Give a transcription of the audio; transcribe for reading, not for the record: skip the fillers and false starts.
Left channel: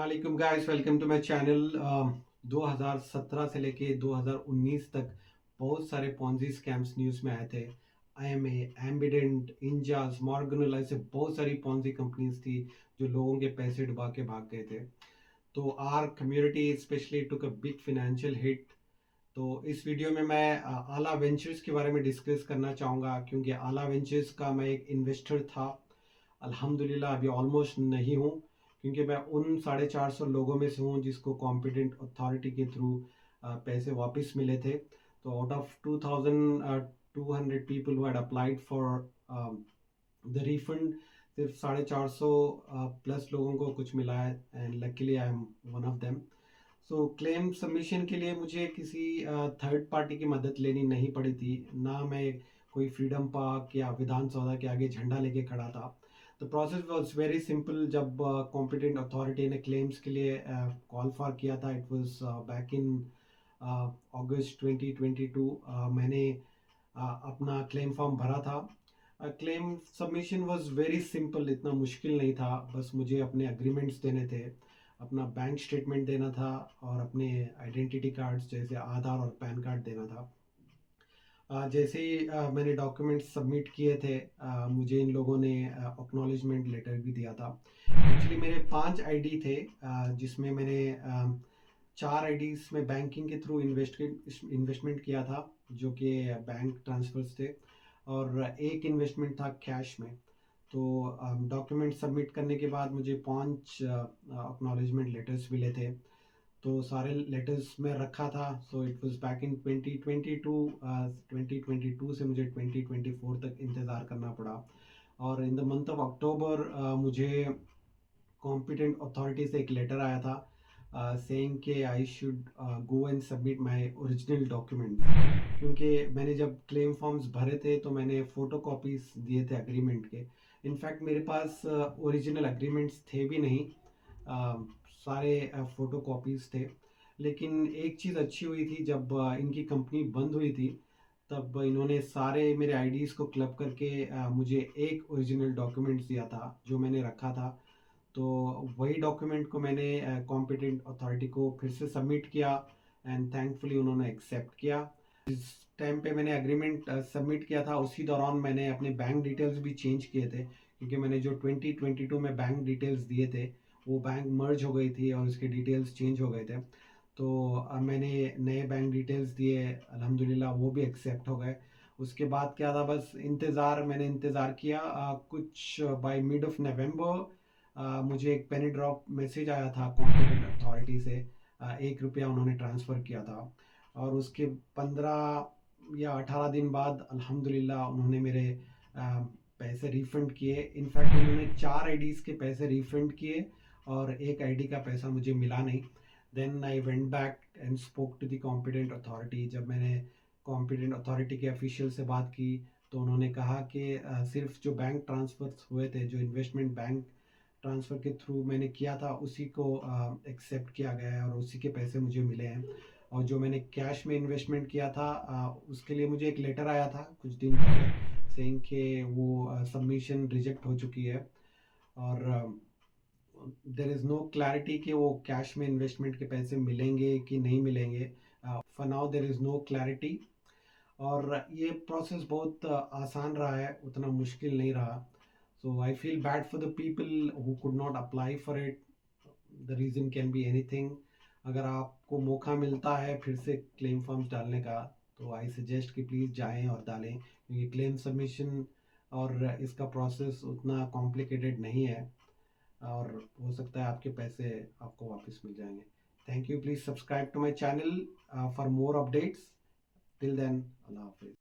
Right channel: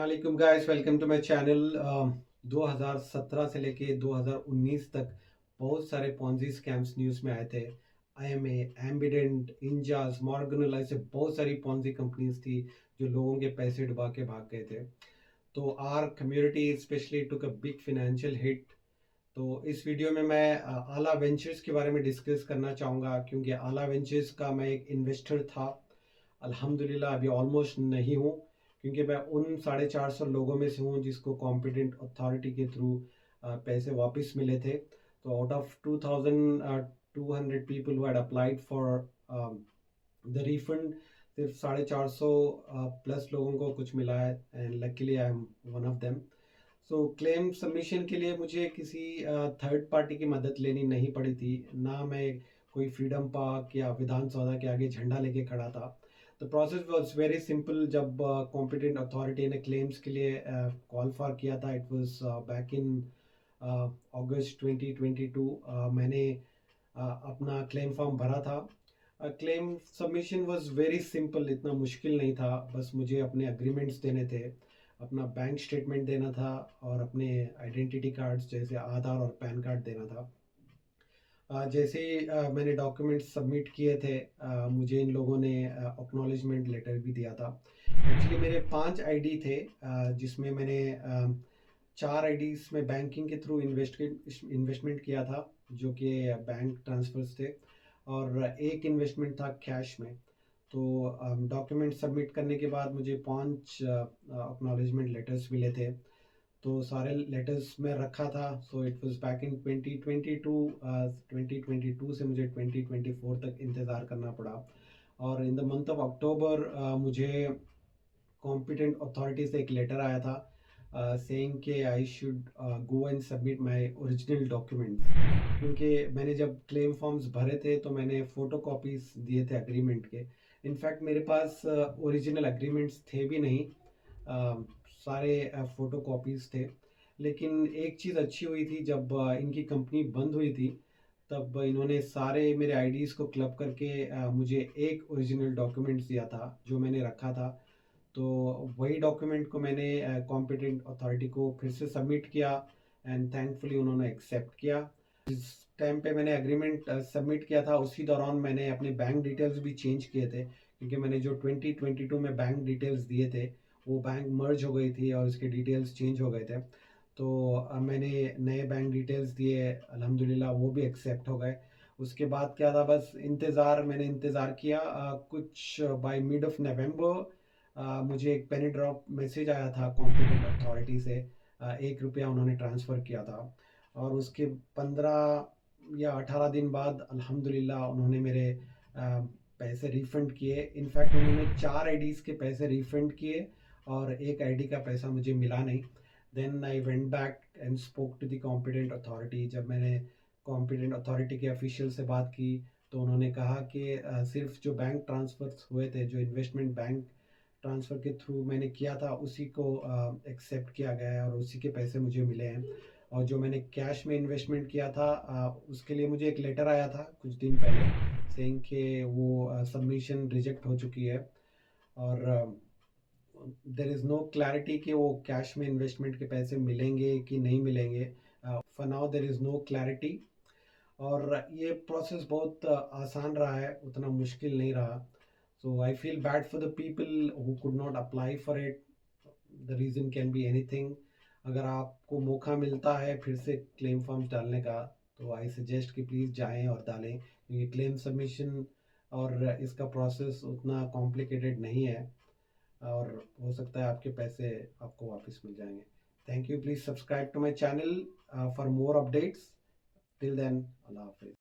अस्सलाम वालेकुम guys, welcome to my channel. 2017 से लेके 2019 तक बहुत सारे पॉन्जी स्कैम्स न्यूज़ में आए थे। आईएमए, एम्बिडेंट, इंजास, मॉर्गन, ऐसे बहुत सारी पॉन्जी कंपनीज थी जो लोगों के पैसे डुबा के भाग गए थे। तो our community specially took a big financial hit. तो इस वीडियो में मैं आला वेंचर्स के बारे में डिस्कस करना चाहूँगा, क्योंकि आला वेंचर्स का मैं एक इन्वेस्टर था। अल्हम्दुलिल्लाह अभी ऑलमोस्ट नहीं हूँ, क्योंकि मैं उन 450 लोगों में से हूँ जिसको कॉम्पिटेंट अथॉरिटी के थ्रू पैसे वापस मिले थे। तो out of 2200 people who had applied for the refund, सिर्फ 450 प्लस लोगों को कुछ मिला है, and luckily I am one of them. So claim submission के लिए मुझे किसी थर्ड पार्टी की मदद लेनी नहीं पड़ी थी, ना मैं कोई फ्रीडम पार्क या विधान सौदा के आगे झंडा लेके खड़ा था। The process was very simple. जब कॉम्पिटेंट अथॉरिटी ने क्लेम्स के लिए कॉल फॉर किया था, इट वाज बैक इन अगस्त 2022, मैंने अपना क्लेम फॉर्म भरा था। Claim submission was very simple, इतना मुश्किल नहीं था। बस मुझे अपने अग्रीमेंट्स देने थे, अपना बैंक स्टेटमेंट देना था, और अपने आइडेंटिटी कार्ड्स जैसे आधार और पैन कार्ड देना था। जैसे ही मैंने डॉक्यूमेंट्स सबमिट किए थे, मुझे इन लोगों ने एक्नॉलेजमेंट लेटर भी दिया था। एक्चुअली मेरे 5 आईडी थे, जिसमें मैंने 4 आईडीज में बैंकिंग के थ्रू इन्वेस्टमेंट किया था, जो कि बैंक ट्रांसफर्स थे, और एक इन्वेस्टमेंट था कैश में। तो डॉक्यूमेंट सबमिट करने के बाद मुझे 5 एक्नॉलेजमेंट लेटर्स मिले थे। तो सारे लेटर्स में रखा था। So it was back in 2022। 2022 से मुझे 2024 तक इंतज़ार करना पड़ा। और in the month of October मुझे कॉम्पिटेंट अथॉरिटी से एक लेटर आया था, सेइंग कि I should go and submit my original documents. क्योंकि मैंने जब क्लेम फॉर्म्स भरे थे तो मैंने फ़ोटो कॉपीज़ दिए थे एग्रीमेंट के। इनफैक्ट मेरे पास ओरिजिनल एग्रीमेंट्स थे भी नहीं, अ, सारे फ़ोटो कॉपीज़ थे। लेकिन एक चीज़ अच्छी हुई थी, जब इनकी कंपनी बंद हुई थी, तब इन्होंने सारे मेरे आईडीज़ को क्लब करके मुझे एक ओरिजिनल डॉक्यूमेंट्स दिया था जो मैंने रखा था। तो वही डॉक्यूमेंट को मैंने कॉम्पिटेंट अथॉरिटी को फिर से सबमिट किया, एंड थैंकफुली उन्होंने एक्सेप्ट किया। जिस टाइम पे मैंने एग्रीमेंट सबमिट किया था, उसी दौरान मैंने अपने बैंक डिटेल्स भी चेंज किए थे, क्योंकि मैंने जो 2022 में बैंक डिटेल्स दिए थे, वो बैंक मर्ज हो गई थी और उसके डिटेल्स चेंज हो गए थे। तो मैंने नए बैंक डिटेल्स दिए, अल्हम्दुलिल्लाह वो भी एक्सेप्ट हो गए। उसके बाद क्या था, बस इंतज़ार, मैंने इंतज़ार किया। कुछ बाय मिड ऑफ नवंबर मुझे एक पेनी ड्रॉप मैसेज आया था कॉम्पिटेंट अथॉरिटी से। 1 रुपया उन्होंने ट्रांसफ़र किया था, और उसके 15 या 18 दिन बाद अल्हम्दुलिल्लाह उन्होंने मेरे पैसे रिफ़ंड किए। इनफैक्ट उन्होंने 4 आईडीज़ के पैसे रिफ़ंड किए, और एक आईडी का पैसा मुझे मिला नहीं। Then I went back and spoke to the competent authority. जब मैंने कॉम्पिटेंट अथॉरिटी के ऑफिशियल से बात की, तो उन्होंने कहा कि सिर्फ जो बैंक ट्रांसफ़र्स हुए थे, जो इन्वेस्टमेंट बैंक ट्रांसफ़र के थ्रू मैंने किया था, उसी को एक्सेप्ट किया गया है और उसी के पैसे मुझे मिले हैं। और जो मैंने कैश में इन्वेस्टमेंट किया था, उसके लिए मुझे एक लेटर आया था कुछ दिन पहले, सेइंग कि वो सबमिशन रिजेक्ट हो चुकी है, और देयर इज़ नो क्लैरिटी कि वो कैश में इन्वेस्टमेंट के पैसे मिलेंगे कि नहीं मिलेंगे। For now there is no clarity. और ये प्रोसेस बहुत आसान रहा है, उतना मुश्किल नहीं रहा। So I feel bad for the people who could not apply for it. The reason can be anything. अगर आपको मौका मिलता है फिर से क्लेम फॉर्म्स डालने का, तो आई सजेस्ट कि प्लीज़ जाएं और डालें, क्योंकि क्लेम सबमिशन और इसका प्रोसेस उतना कॉम्प्लिकेटेड नहीं है, और हो सकता है आपके पैसे आपको वापस मिल जाएंगे। Thank you. Please subscribe to my channel for more updates. Till then, Allah हाफिज़।